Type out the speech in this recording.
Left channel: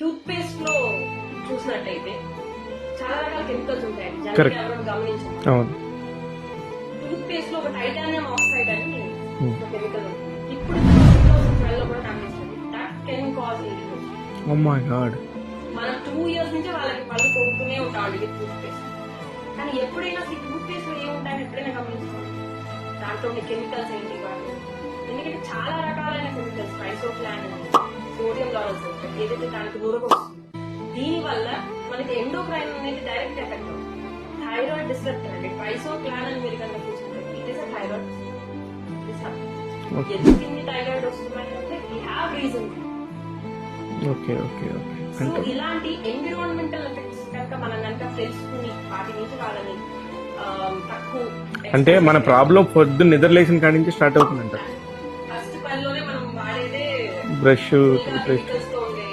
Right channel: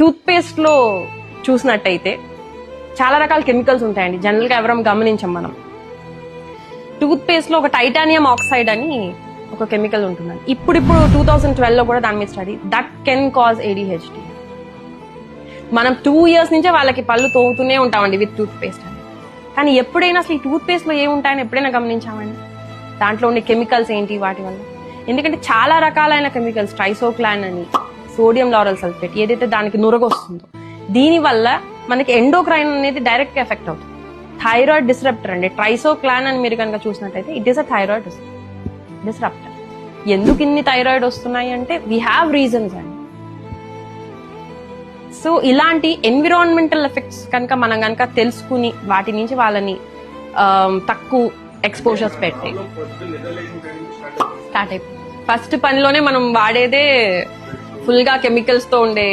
Tooth paste లో చూసినట్టయితే చాలా రకాల కెమికల్స్ ఉంటాయండి. జనరల్ గా ఎవరం గమనించాం మనం. టూత్ పేస్ట్ లో ఒక టైటానియం ఆక్సైడ్ అని ఒక కెమికల్ ఉంటుంది. ఇప్పుడు 2012 లో కూడా దాని మీద study that can cause ADHD. మనం 2 years నుంచే వాళ్ళకి పళ్ళు తోగుతూనే ఉంటామండి విత్ టూత్ పేస్ట్. కానీ ఎప్పుడైనా అసలు ఈ టూత్ పేస్ట్ లో ఏముంటాయని ఎప్పుడైనా గమనించామండి? దాంట్లో ఉండే కెమికల్స్ ఏంటి వాటి వల్ల? ఎందుకంటే చాలా రకాలైన కెమికల్స్, ట్రైసోక్లాన్ అని, సోడియం లారల్ సల్ఫేట్, ఏదైతే దానికి నురగొస్తుందో దీని వల్ల మనకి ఎండోక్రైన్ అనేది డైరెక్ట్ ఎఫెక్ట్ అవుతుంది. థైరాయిడ్ డిస్రప్టర్ అండి. ట్రైసోక్లాన్ అని మీరు కనుక చూసినట్టయితే it is a thyroid disruptor. ఎందుకు ఇన్ని థైరాయిడ్ వస్తున్నాయి అంటే వీ హ్యావ్ రీజన్స్ అండి. సో ఇలాంటి ఎన్విరాన్మెంటల్ ఎఫెక్ట్స్ కనుక మనం కనుక తెలుసుకుని వాటి నుంచి వాళ్ళని తక్కువ స్టార్ట్ అయిపోతుంది. ఫస్ట్ పనిలోనే మనం వాడేదే బ్రష్ ఫుల్ గా కెమికల్స్ తో ఉండే